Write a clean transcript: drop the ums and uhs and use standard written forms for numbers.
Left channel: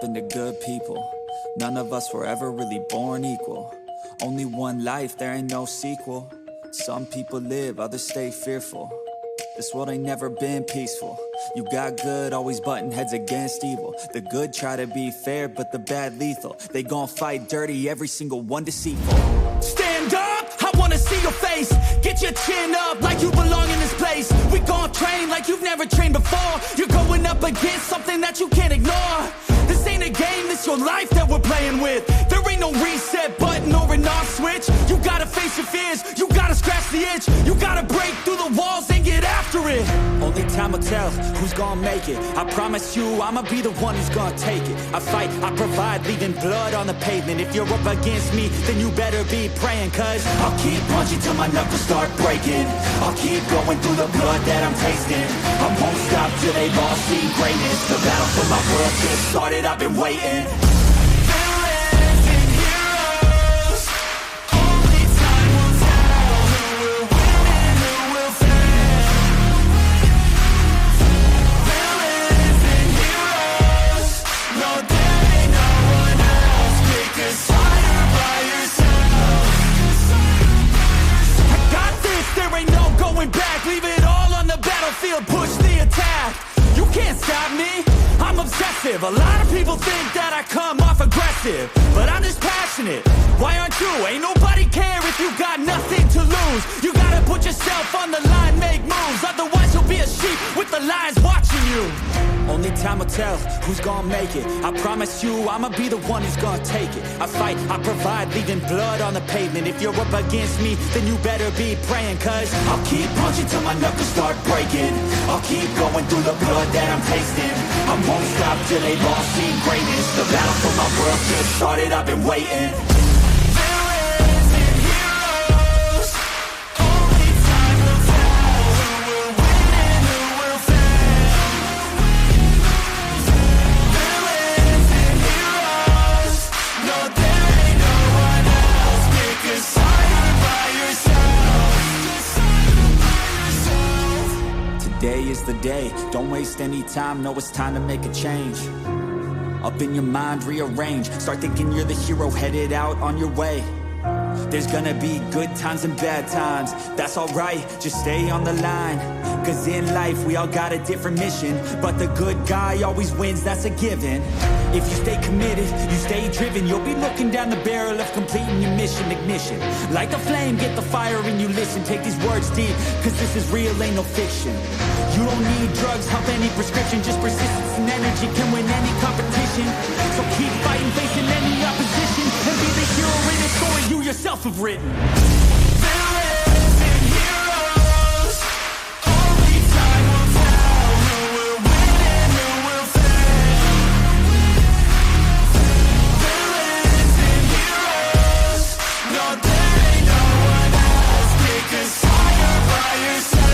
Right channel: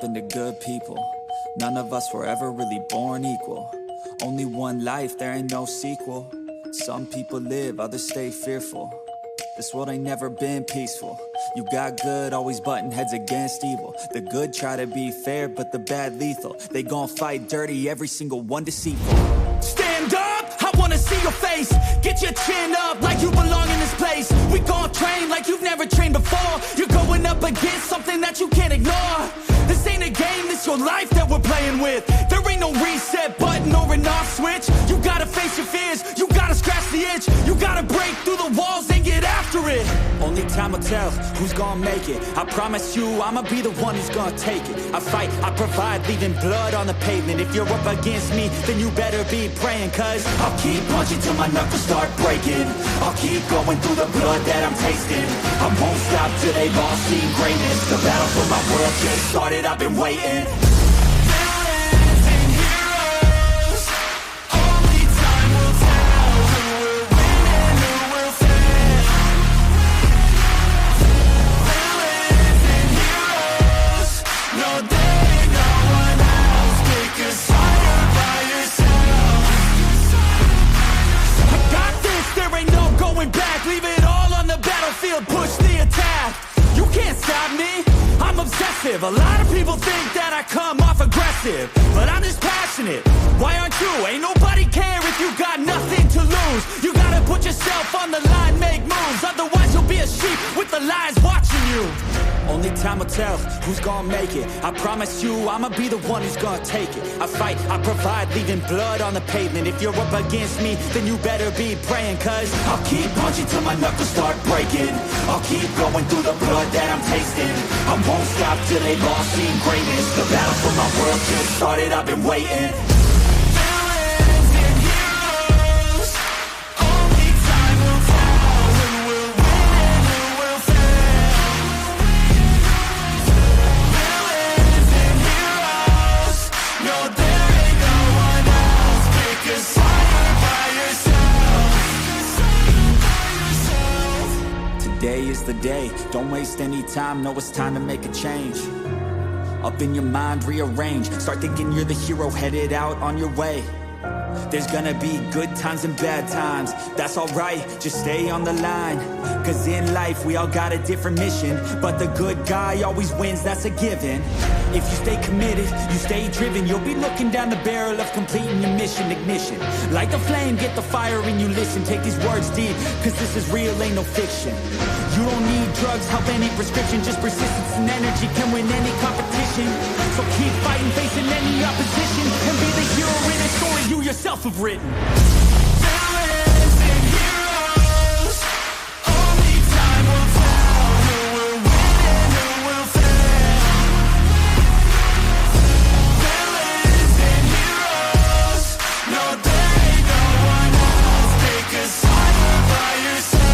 happen to good people. None of us were ever really born equal. Only one life, there ain't no sequel. Some people live, others stay fearful. This world ain't never been peaceful. You got good, always butting heads against evil. The good try to be fair, but the bad lethal. They gon' fight dirty, every single one deceitful. Stand up, I wanna see your face. Get your chin up like you belong in this place. We gon' train like you've never trained before. You're going up against something that you can't ignore. This ain't a game, this your life that we're playing with. There ain't no reset button or an off switch. You gotta face your fears, you gotta scratch the itch. You gotta break through the walls and get after it. Only time will tell who's gonna make it. I promise you, I'ma be the one who's gonna take it. I fight, I provide, leaving blood on the pavement. If you're up against me, then you better be praying. Cause I'll keep punching till my knuckles start breaking. I'll keep going through the blood that I'm tasting. I won't stop till they've all seen greatness. The battle for my world just started, I've been waiting. Villains and heroes, only time will tell who will win and who will fail. Villains and heroes, no there ain't no one else. Pick a side by yourself. I got this, there ain't no going back. Leave it all on the battlefield, push the attack. You can't stop me, I'm obsessive. A lot of people think that I come off aggressive, but I'm just passionate. Why aren't you? Ain't nobody care if you got nothing to lose. You gotta put yourself on the line, make moves. Otherwise you'll be a sheep with the lions watching you. Only time will tell who's gonna make it. I promise you, I'ma be the one who's gonna take it. I fight, I provide, leaving blood on the pavement. If you're up against me, then you better be praying. Cause I'll keep punching till my knuckles start breaking. I'll keep going through the blood that I'm tasting. I won't stop till they've all seen greatness. The battle for my world just started, I've been waiting. Villains and heroes, only time will tell who will win and who will fail. Villains and heroes, no there ain't no one else. Pick a side by yourself. Today is the day, don't waste any time, know it's time to make a change. Up in your mind, rearrange, start thinking you're the hero headed out on your way. There's gonna be good times and bad times, that's alright, just stay on the line. Cause in life we all got a different mission, but the good guy always wins, that's a given. If you stay committed, you stay driven, you'll be looking down the barrel of completing your mission. Ignition, light the flame, get the fire and you listen. Take these words deep, cause this is real, ain't no fiction. You don't need drugs, help any prescription. Just persistence and energy can win any competition. So keep fighting, facing any opposition, and be the hero in a story you yourself have written. Villains and heroes, only time will tell who will win and who will fail. Villains and heroes, no there ain't no one else. Pick a side by yourself.